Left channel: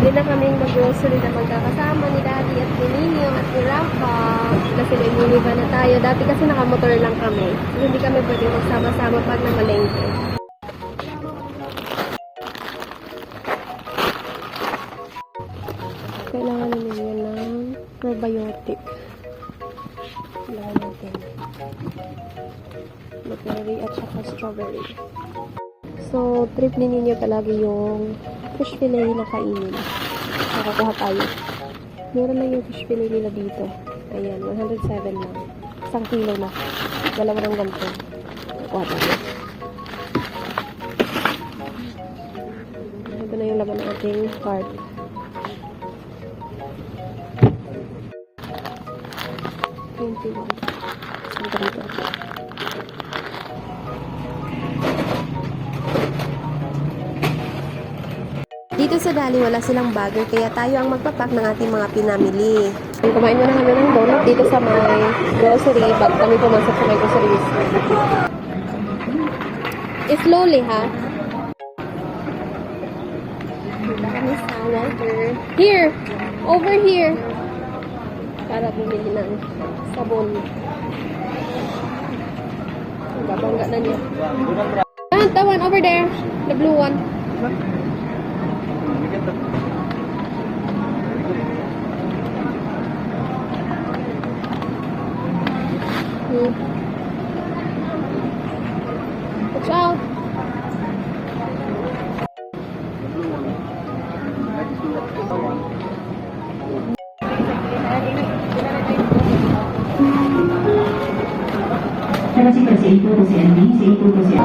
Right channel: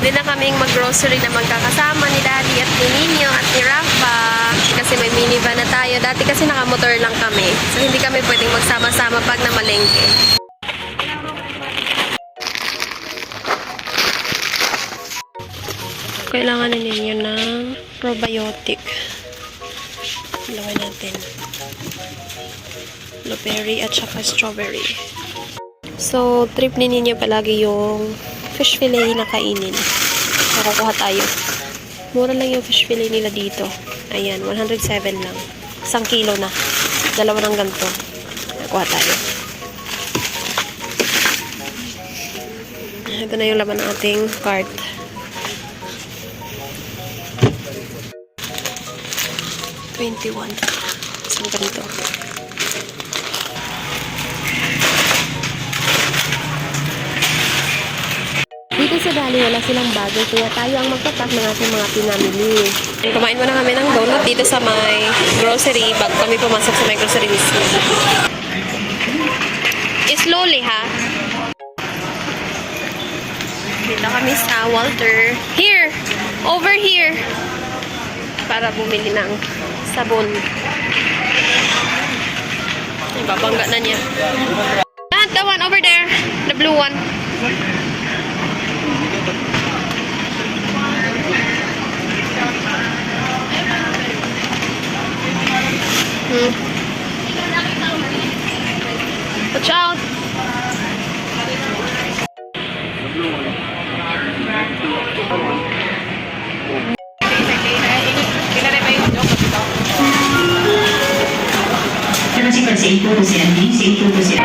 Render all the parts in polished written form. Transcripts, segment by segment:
Pwede na kaming mag-grocery na magkakasama ni Daddy at ni Nino at ni Rafa. Kasi may minivan na tayo. Dati kasi nakamotor lang kami. So, hindi kami pwedeng magsama-sama pag namalengke. Kailangan na ninyo ng probiotic. Ilagay natin. Blueberry at saka strawberry. So, trip ni ninyo palagi yung fish fillet na kainin. Nakakuha tayo. Mura lang yung fish fillet nila dito. Ayan, 107 lang. 1 kilo na. Dalawa ng ganito. Nakakuha tayo. Ito na yung laman ng ating cart. $21. Isang ganito. Dito sa Dali, wala silang bagay, kaya tayo ang magpapak ng ating mga pinamili. Kumain muna kami ng donut dito sa may grocery bago kami pumasok sa may grocery mismo. Slowly, ha? Dito kami sa Walter. Here! Over here! Para bumili ng sabon. Ibabangga na niya. The one over there. The blue one. Watch out. Terima kasih pada itu tu sian ni, itu tu sian.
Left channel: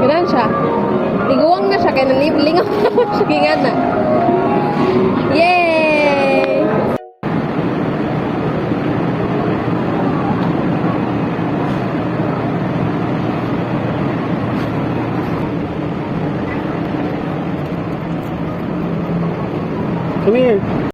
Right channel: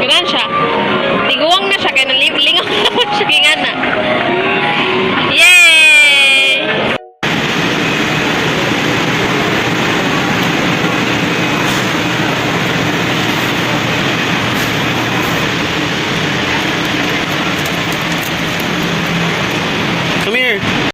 Ganun siya. Tiguang na siya, kaya nalingaw naman siya. Kingan na. Yay!